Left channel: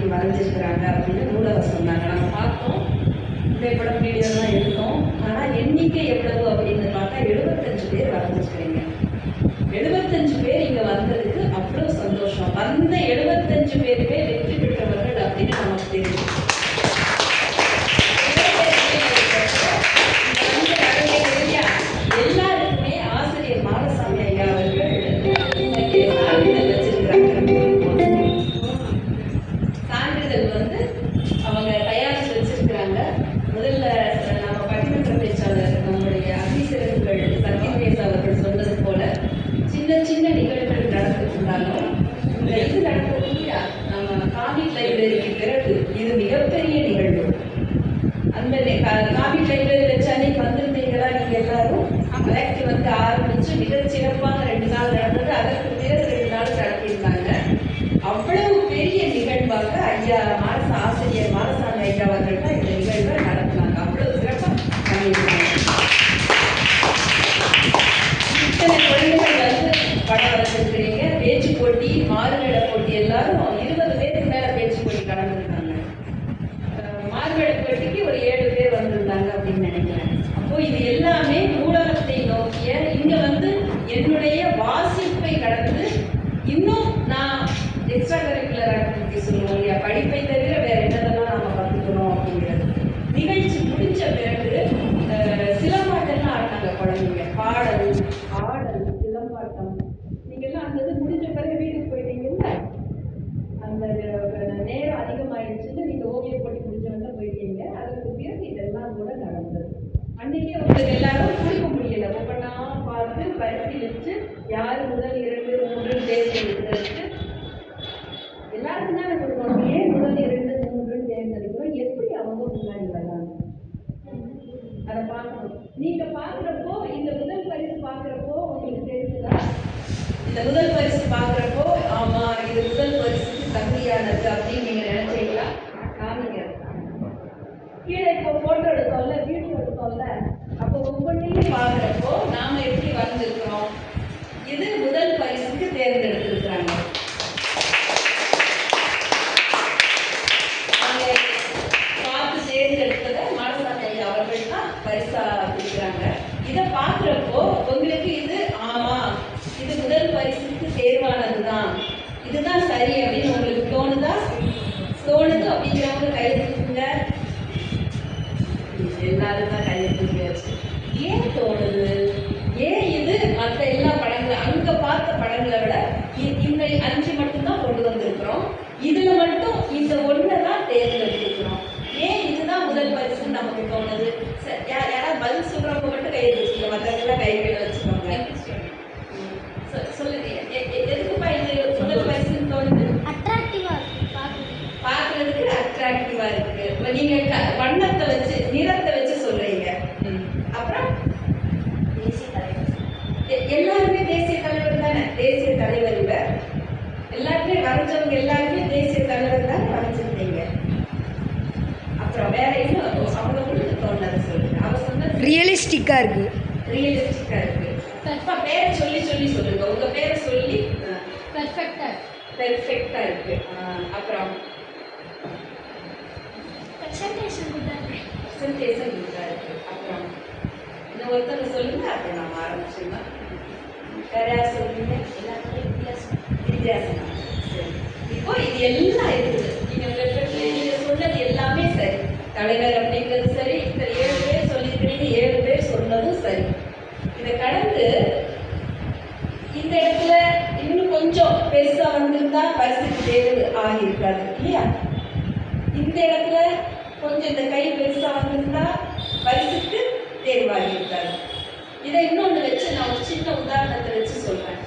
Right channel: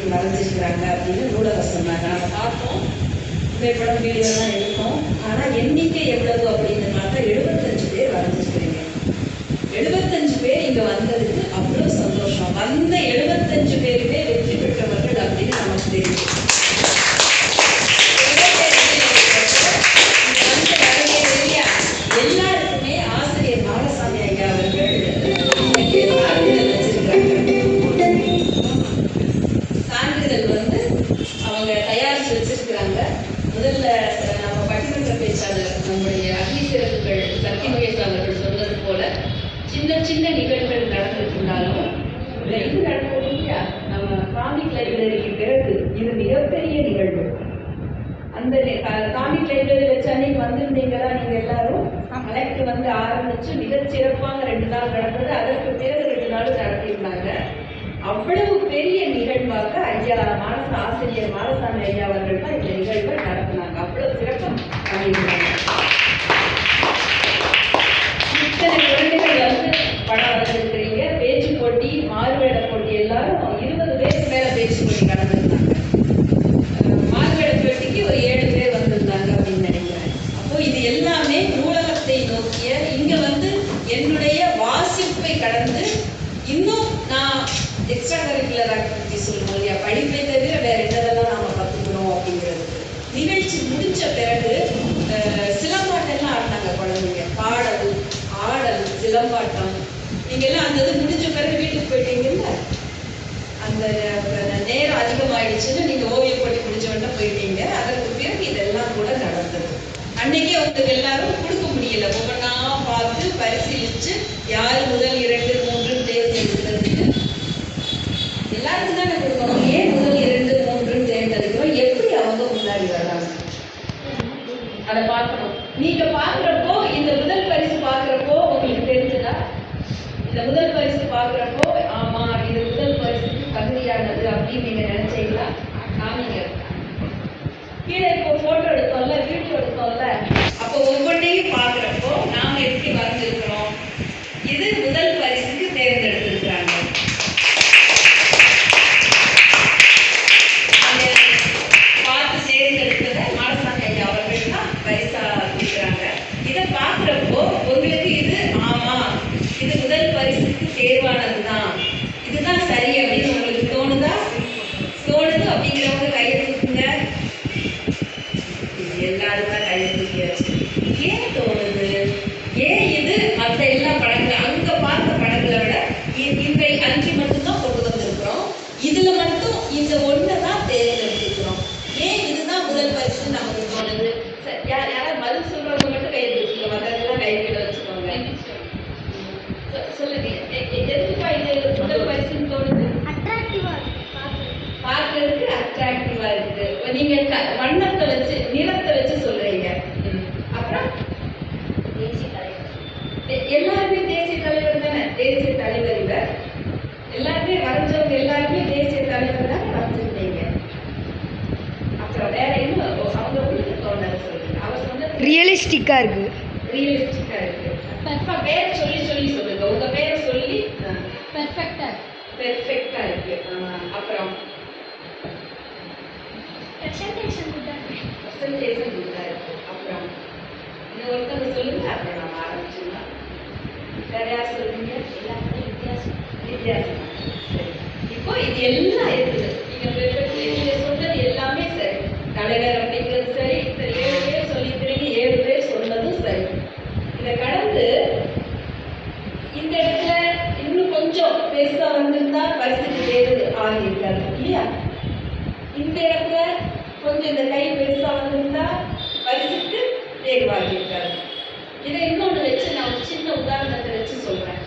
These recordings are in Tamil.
ஓவியம் அன்னைக்கு அப்படின்னு ஊடகம் சொன்னாங்க. நம்ம பார்த்தோம். புகைப்படம் வீடியோலாம் எடுத்தோம். ஆனா எண்ணிக்கை எவ்வளவு அப்படின்னு பார்த்தா எழுபத்தஞ்சு பேர் வரைஞ்சிருக்கிறீங்க எழுபத்தஞ்சு பேர் இங்க வந்ததுக்கு அவ்வளவு சந்தோஷம். வந்த எழுபத்தி சின்ன நிகழ்வுகள் நடந்துட்டுருந்தாலும் இந்த இது நடந்தது இல்லையா நம்ம காமிக் லைப்ரரிக்கு பிறகு இது மிகப்பெரிய நிகழ்வு. அந்த காமிக் லைப்ரரி வச்ச அன்னைக்கு வந்திருந்தீங்களா? நீங்க எல்லாரும் கலெக்ட் வந்து ஆரம்பிச்சு மிக சிறப்பாக ரெண்டு நாள் நடந்தது. அதற்கு பிறகு ரெண்டு நாள் நடத்தியிருந்தாங்க. அவ்வளவு பெரிய நிகழ்வாக ஐயா மாரச ஆசிரியர் மாரசாமி ஐயா அவர்கள் தான் இந்த நிகழ்வை நடத்தினாங்க அவ்வளவு சிறப்பாக பண்ணியிருந்தாங்க இத்தனை குழந்தைகள் வந்து படம் வரைஞ்சிருக்கிறீங்க பேச்சு போட்டி மாறுவேட போட்டி எல்லாரும் இருபது பேருக்கு மேல பேச்சு போட்டி கலந்துருந்தாங்க மாறுவேட போட்டிக்கு ஒரு ஏழு பேர் வந்திருந்தாங்க அப்படின்னு நினைக்கிறேன் அப்போ இது எல்லாமே நூலகத்தை நோக்கிய இங்க வந்து என்னுடைய வாசிப்பை கடந்து இன்னும் நான் எக்ஸ்ட்ரா கரிக்குலர் ஆக்டிவிட்டி சொல்லுவோம் இல்லையா படிப்பை தவிர வேற என்னதெல்லாம் நாம கத்துக்கணும் அப்படிங்கிறது நிகழ்ச்சி முடிஞ்ச பிறகு சிலம்பாட்டம்லாம் ஆடினாங்க குழந்தைங்க. பாடல் ஆடல் சிலம்பாட்டம். நீங்க எல்லாம் அந்த இது முடிஞ்ச பிறகு வீட்டுக்கு போயிட்டீங்கல்ல? அந்த நேரம் அதிகமாயிடுச்சுன்னு நீங்க ஓவிய போட்டி முடிஞ்ச உடனே போயிட்டீங்க. அதற்கு பிறகு இதெல்லாம் கூட நடந்தது. அன்னைக்கே உங்களுக்கு எல்லாரும் கொடுக்க முடியல ஒவ்வொன்றா பார்த்து பரிசீலிச்சு யார் முதல் இரண்டு மூன்று தேர்ந்தெடுக்கிறதுக்கு எல்லாருக்கும் தானே கொடுக்கணும் ஏன் முதல் இரண்டு மூன்று தேர்ந்தெடுக்கிறோம் எப்படி அவங்க முன்னாடி வர்றாங்க அதை பார்க்கணும் நீங்க பார்க்குறப்போ இந்த முதல் பரிசு பார்க்குறப்போ உங்களுக்கு தெரிஞ்சுதா இந்த முதல் பரிசு பார்க்குறப்போ ஆமா இது முதல் பரிசுக்கு தகுதியானது அப்படின்னு நீங்க நினைச்சீங்களா காமிங்க கீழே இப்போ போட்டோ எடுத்தோம்ல வீடியோ எடுத்தோம்ல அப்போ ஒவ்வொன்றையும் பார்க்குறப்போ நாம எப்படி வந்திருக்கிறோம் இது முதல் பரிசுக்கு தேர்ந்தெடுத்திருக்கிறாங்க அந்த பார்த்து தேர்ந்தெடுத்ததை மாரசாமி ஐயா அவர்கள் தான் பரிசா கொடுக்குறாங்க இதை பார்க்குறப்போ உங்களுக்கு இது ஆமா இது முதல் பரிசுக்கு தேர்வானதுதான் இதுதான் சரி அப்படின்னு உங்களுக்கு தோணுதா தோணுது அப்படிங்கிறவங்க கையை தூக்குங்க எல்லாரும் தான் கையை தூக்கியாச்சு ஏன் தோணுது ஏன் இது மற்ற எல்லா படங்களும் அங்க பார்த்த படங்களை விட இ- இந்த அஞ்சு மட்டும்தான் கொண்டு வந்திருக்கிறோம் இதுல மட்டும் இந்த ஒன்றை தான் தேர்ந்தெடுத்துக்கிறோம் ஏன் இதுதான் முதல் பரிசுன்னு நமக்கு தோணுது சரி, யார் யாராவது பதில் சொல்றவங்க மட்டும் கையை வச்சுக்கோங்க மற்றதெல்லாம் கைகளை வச்சுக்கோங்க. சொ- சொல்லுங்க. எதுக்குப்பா இது முதல் பரிசுன்னு தோணுது? பார்க்கறதுக்கு. அட்ராக்டிவா இருக்கு. இப்ப நீங்க க- வண்ணத்தை வச்சு நிறத்தை வச்சு சொல்றீங்க. அப்புறம்? எல்லாருமே தேசிய தலைவர் தானே? தேசிய தலைவர் இவர் எல்லாருமே வரைஞ்சவங்க எல்லாருமே தேசிய தலைவர் தானே? வரைஞ்சிருந்தீங்க அப்புறம் வேற இன்னும் அவங்க தோணுது சொல்லுங்க அவர் சொன்னது ரியலிஸ்டிக்காக இருக்குது ரியலிஸ்டிக்கா இருக்கு அப்பா பேரை சொல்லி சொல்லி சொல்லுங்க. உங்க பேரை சொல்லி பெர்ஃபெக்டா இருக்கு. ஆ, அப்புறம் பிரசன்டேஷன் குட்டா இருக்கு. அப்புறம் இன்னும் ஒருத்தர் சொல்லுங்க அப்புறம் நம்ம ஆரம்பிச்சிடலாம். வேற யார் சொல்லுங்க வித்தியாசம். சரி. இப்போ இது எல்லாம் இருக்குது. நீங்க perfect நீங்க சொன்னது எல்லாமே சரி தலைவர் அப்படிங்கிறது சரி இந்த ஏழு பேர் சொல்லியிருக்கிறீங்க ஏழு பேர் சொன்னதும் சரி இதை கடந்து இந்த இடத்துல இன்னும் கொஞ்சம் பெருசா வந்திருந்தா பரிசுக்கு தேர்வு ஆகியிருக்காது இல்லையா இந்த இடத்துல கொஞ்சம் இந்த கை பெருசா வந்திருந்தா பரிசுக்கு தேர்வாகியிருக்காது இதை இன்னொன்று வச்சு நான் ஒரு சின்ன உதாரணத்தை வச்சு சொல்றேன்.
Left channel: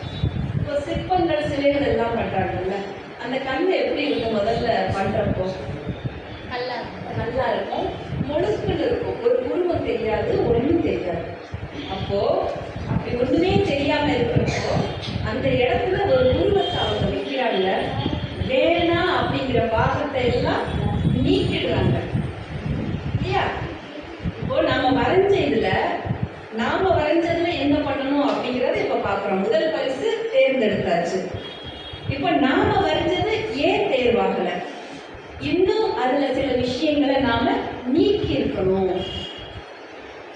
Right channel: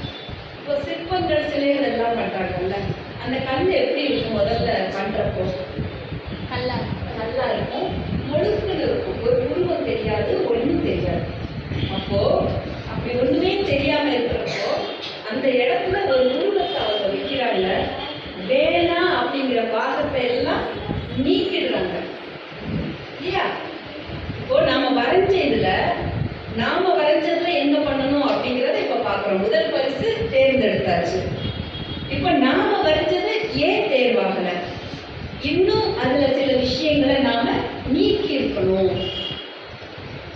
இப்போ சிற்பங்கள் சிலைகள் எல்லாம் பண்றாங்கல்ல அந்த கல் எப்படி இருக்கும் முதல்ல பண்றப்போ? நல்லா இருக்கும். முழுக்குன்னு இருக்கும். ஒரு உருவம் தெரியாது ஒண்ணும் தெரியாது. அப்போ அப்படி ஒண்ணுமே தெரியாம இல்லாம இருக்கிறப்போ அந்த இடத்துல ஒரு உருவத்தை அவங்க வைக்கிறாங்க வேணாம் அப்படிங்கிற பாகத்தை எல்லாம் நீக்கிடுறாங்க இல்லையா இப்போ நாம வரைஞ்ச இதுல நாம வரைஞ்சதுல என்ன பண்ணணும் அப்படிங்கறத இப்ப பாக்குறோம் முதல் பரிசு தேர்ந்தெடுத்தாச்சு இப்ப நாம வரைஞ்சது ஏன் தேர்வாகல? இன்னும் அதுல சில விஷயங்களை நாம நீக்கி இருக்கணும்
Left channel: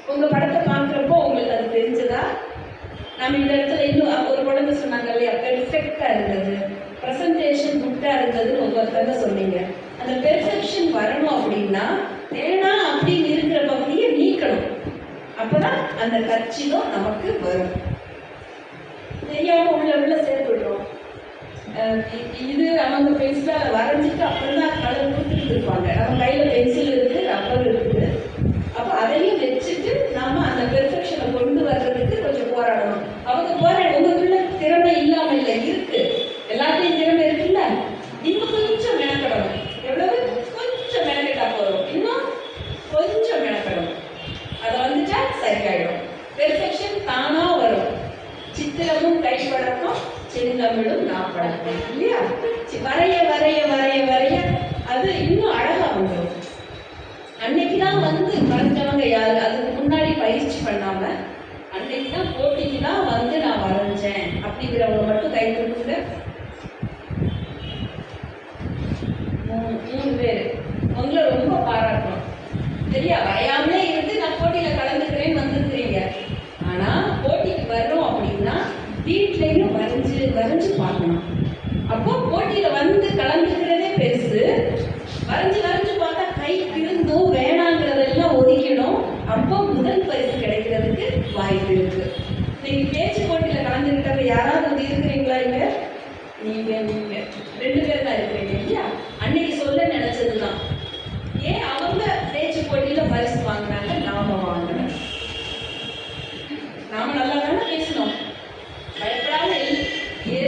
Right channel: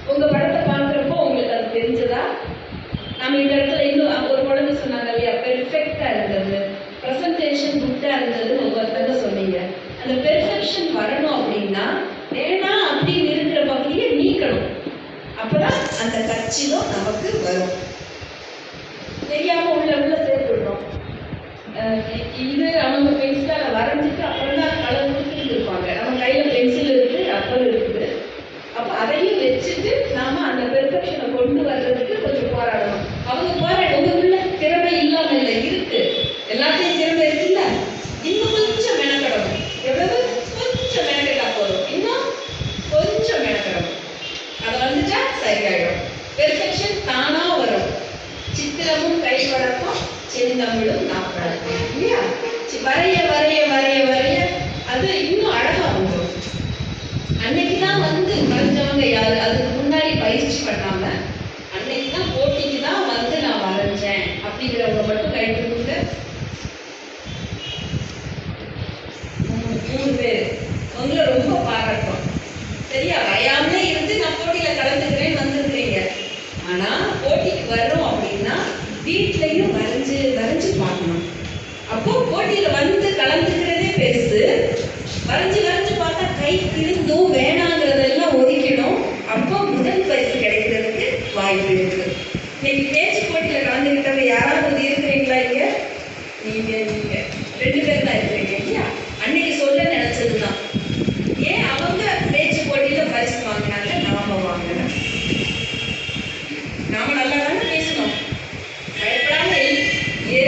உங்க படத்தை பார்க்குறப்போ உங்களுக்கு அது தெரிஞ்சதா? நம்ம இந்த இடத்துல இன்னும் ஒரு குழந்தை சொன்னாங்க இல்லையா? பெர்ஃபெக்டா இருந்தது. ப்ரெசன்டேஷன் குட்டா இருந்ததுன்னு ஒவ்வொருத்தங்க சொன்னீங்க. அந்த பெர்ஃபெக்ஷன் வரணும் அப்படின்னா வேணாம் அப்படின்னு இருக்கிற பகுதியை நீக்கணும். அப்பதான் அந்த கட்சியும் நமக்கு வரும். தெரியாம உள்ள உள்ள இது அவங்க பென்சிலால வரைஞ்சிட்டு அப்புறம் தான் கலர் கொடுத்துட்டு இருப்பாங்க நம்ம கையில் பென்சில் இருக்குது ரப்பர் இருக்குது. அப்போ அதையும் வச்சுட்டு நாம் அந்த பெர்ஃபெக்ஷனை கொண்டு வர்றதுக்கு கொஞ்சம் போராடணும். அவங்க போராட உங்களுக்குள்ள திறமை இல்லாமல் இல்லை இருக்கு. எல்லாத்தையும் திறமை இருக்குல்ல? இன்னும் கொஞ்சம் மெனக்கடணும். எவ்வளவு கொஞ்சம் மெனக்கிட்டா போதும். இன்னும் கொஞ்சம் மெனக்கடணும். அதை வந்துட்டா சரியாயிடும். பெர்ஃபெக்ஷன் தானாக வரும். சித்திரமும் கைப்பழக்கம் செந்தமிழும் நாப்பழக்கம் இல்லையா? வரைய வரைய வரைய வரைய அது இன்னும் அழகா வந்துடும் அன்னைக்கு தான் வந்து வரைஞ்சவங்க யாரு அதுக்கு முன்னாடி பயிற்சி பண்ணாம அன்னைக்கு தான் போட்டிக்கு தான் வந்து நான் வரைஞ்சேன் அப்படிங்கிறவங்க மட்டும் கை கொடுங்க. மூணு மூணு பேர். உங்களை ரொம்ப பாராட்டும் சரியா? வரையாமலே இருந்து நான் போட்டியில கலந்துக்கிறேன்னு வந்திருக்கிறீங்க ஆனா போட்டிக்கு வர்றோம் அப்படின்னா வீட்லயும் வரைஞ்சு வரைஞ்சு பார்க்கணும் அப்போ போட்டியில வந்து கலந்துக்கிறதே பெருசு வரைஞ்சு வரைஞ்சு பார்த்தா கை திருந்தும் வேணாங்கிறதெல்லாம் ஒதுக்கிடும் அப்போ முதல் பரிசு கிடைக்கிறதுக்கு வாய்ப்பு இருக்கு இன்னைக்கு பேச்சு போட்டியில கலந்துக்கிட்டவங்க யாராவது இருக்கிறீங்களா இங்க நீங்க நீங்க ரெண்டு பேர் தான் இருக்கிறீங்க இல்லையா அன்னைக்கு சொல்ல நினைச்சதுதான் ஏன் அவங்க பேச்சு போட்டியில பரிசு வாங்கினாங்க நாம வாங்கல நாம நல்லா தானே பேசணும் பயப்படாம எல்-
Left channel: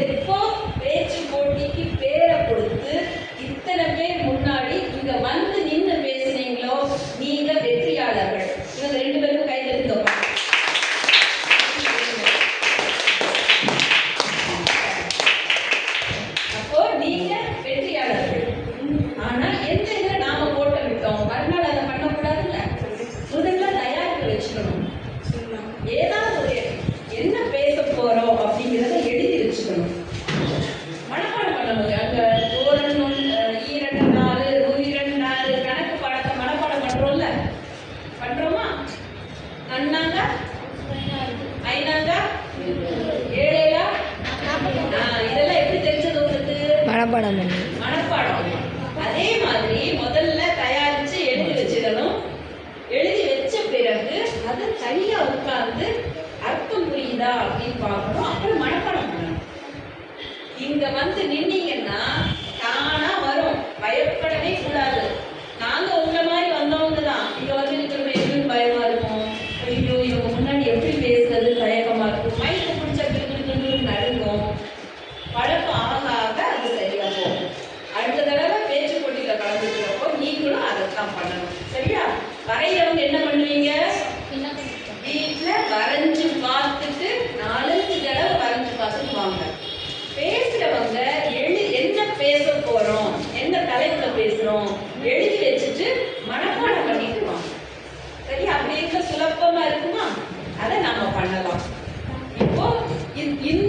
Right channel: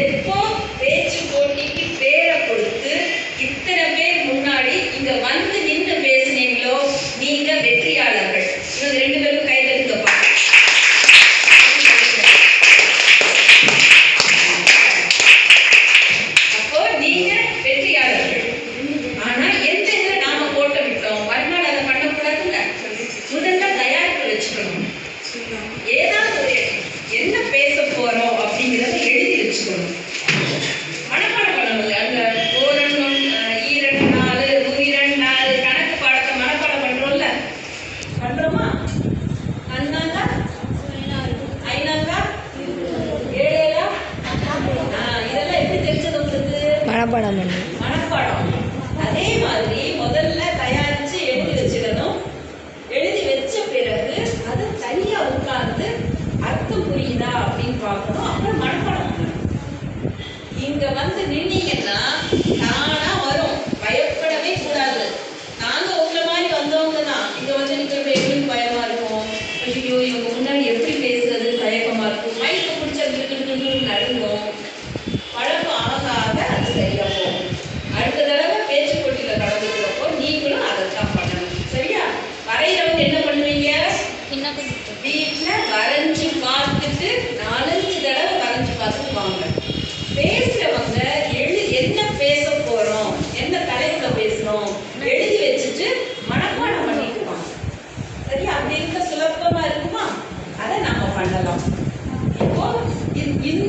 எப்போ பேச்சு போட்டிக்கு பேரை கொடுத்து இத்தனை பேர் முன்னாடி இங்க வந்து நின்று பேசுனீங்களோ நீங்க வெற்றியாளர்கள் இவங்க ரெண்டு பேரும் கை தட்டுங்கப்பா அப்போ நீங்க வெற்றியாளர்கள் ஆனா எந்த இதுல நாம போட்ட விட்டோம் மறுநாள் அதை பண்ணக்கூடாதுல்ல முதல்ல தயாரிப்பு வச்சுக்கணும் ஏதாவது ஒரு என்ன பேச போறோம் அப்படிங்கிறத எழுதி வச்சுக்கணும் மனப்பாடம் பண்ணணும் அந்த ஓரண்டம் ஈரண்டு நாலு உயிரண்டு நாலு கணக்கு பாடத்தை மனப்பாடம் பண்றோம்ல பண்றோமா நன்னாங்க ஐநாங்க ஏழேலா ஆ, இதெல்லாம் எப்படி தெரிஞ்சது உங்களுக்கு மனப்பாடம். அதே மாதிரி முதல்ல தயாரிச்சு எழுதி வச்சுக்கணும் எழுதி வச்ச பிறகு அதை தனியா உட்கார்ந்து அர்த்தம் புரியுதா அப்படின்னு பார்க்கணும். அப்புறம் மனப்பாடம் பண்ணணும். இங்க வந்து நின்னீங்கன்னா தானா வரும். பயப்படவே கூடாது. நாங்க உங்களை மாதிரி வந்தவங்க தான். இங்க வந்து நிற்கிறது எங்களுக்கு பயமா இருக்கும். ஐயோ இவங்க முன்னாடி எப்படி பேசுறது? தயக்கமா இருக்கும். வீட்டுல வரைஞ்சு பார்த்துட்டு நாலஞ்சு தடவை வரைஞ்சு பார்த்துட்டு வாங்க பேசுறவங்க எழு என்ன பேச போறோம் என்ன தலைப்பில் பேசுறோம் எழுதி வச்சுட்டு மனப்பாடம் பண்ணிட்டு வாங்க. சரி அப்படி சுலபமாக சுலபமா இருக்குமா? அதை நாம பண்ணலாம். இப்போ இந்த-